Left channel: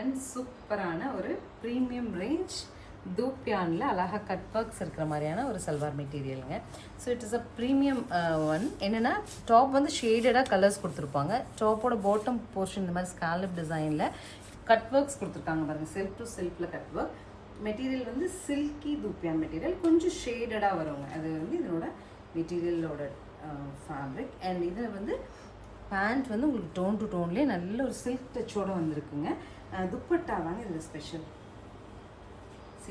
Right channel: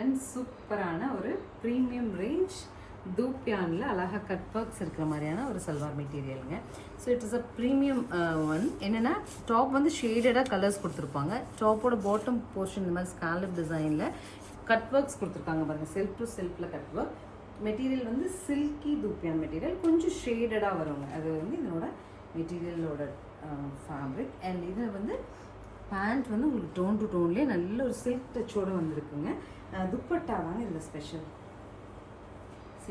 Friends, சூப்பரான ஒரு premium range தூப்பியானில் அழகாக கட் ஒர்க்ஸ் இருக்கிற மாதிரியான ஒரு சல்வார் மெட்டீரியலுங்க. So it is a premium one. என்னென்னா டாப் வந்து ஷேடடாக கலர்ஸ் கொடுத்துருப்பாங்க. டாப்போட பாட்டம் போர்ஷன் இந்த மாதிரி ஸ்காலப் டிசைனில் கட் ஒர்க்ஸ் கொடுத்துருக்காங்க பாருங்கள். செல்ஃப் டு செல்ஃபில் கட் ஒர்க். மெட்டீரியல் வந்து சில்கி தூப்பியான் மெட்டீரியல், கொஞ்சம் ஷேடடாக வருவாங்க. அது வந்து இதனோட மெட்டீரியலோட ஃபேப்ரிக். அண்ட் இது வந்து பேண்ட் வந்து உங்களுக்கு டோன் டு டோன்லேயே நல்ல ஒரு சில்க் டச்சோடு வந்திருக்குங்க. துப்பட்டா தாங்க இதில் ஸ்பெஷல்.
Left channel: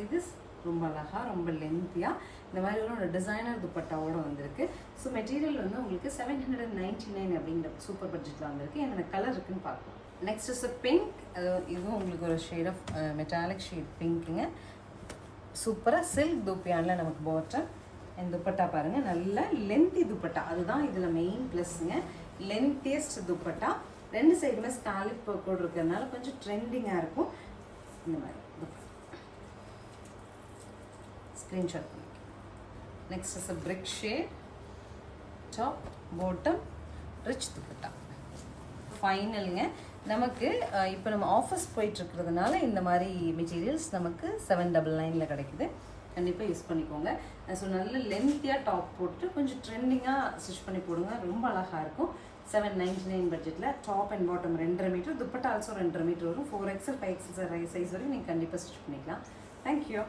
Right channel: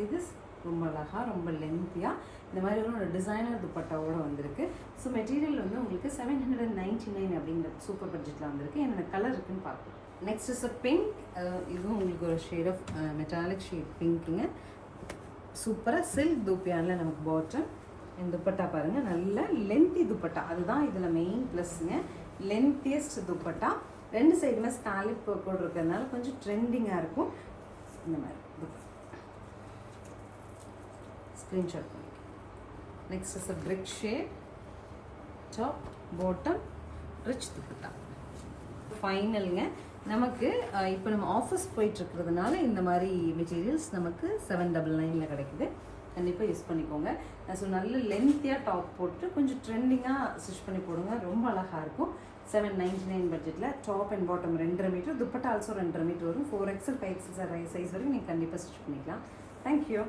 இது ரொம்ப அழகாக ரொம்ப லென்த்தியாக இந்த மாதிரி ஒரு டிசைனர் துப்பட்டாவோடு வந்திருக்கு. ஸோ மெட்டீரியல் வந்து உங்களுக்கு 799 அப்படிங்கிற சூப்பர் பட்ஜெட்டில் வந்திருக்கு. என்னென்ன கலர் இருக்குன்னு பார்க்கலாம். Next is a pink. இதுவும் உங்களுக்கு ஒரு ஷேட் ஆஃப் மெட்டாலிக் ஷேட் பிங்க்குங்க. சூப்பராக சில்க் துப்பியானில் நமக்கு பாட்டம். இந்த துப்பட்டா பாருங்கள், நல்ல லென்த்தி துப்பட்டா. அதுதான் இதில் மெயின் ப்ளஸ்ங்க. லென்த்தியஸ்ட் துப்பட்டா. ரெண்டு சைடுமே ஸ்காலப் ஒர்க்கோடு இருக்கிறதுனால கொஞ்சம் ட்ரெண்டிங்காக இருக்கும். இந்த மாதிரி ஸ்க்ரீன்ஷாட் பண்ணிக்கலாம். Next is a brick shade top bottom rich dupatta. ஃபைனலுங்க நமக்கு இப்போ நம்ம ஆஃபீஸ் போயிட்டுருக்கிறதுனால இந்த மாதிரி மெட்டீரியல்ஸ் நமக்கு 799 கிடைக்குது. கண்டிப்பாக யூஸ் பண்ணிக்கோங்க. ஸோ நல்ல லென்த்தியாக டாப் போட்டு கொஞ்சம் ட்ரெண்டிங்காக ஸ்டிச் பண்ணி போடுங்க. ரொம்ப அழகாக இருக்கும். 799 பட்ஜெட்டில் top and bottom 2.5 metre, dupatta also 2.5 metre வரும். 4XL 5XL சைஸ் வரைக்கும் நீங்கள் கண்டிப்பாக ஸ்டிச் பண்ணிக்கலாம். தேங்க்யூ.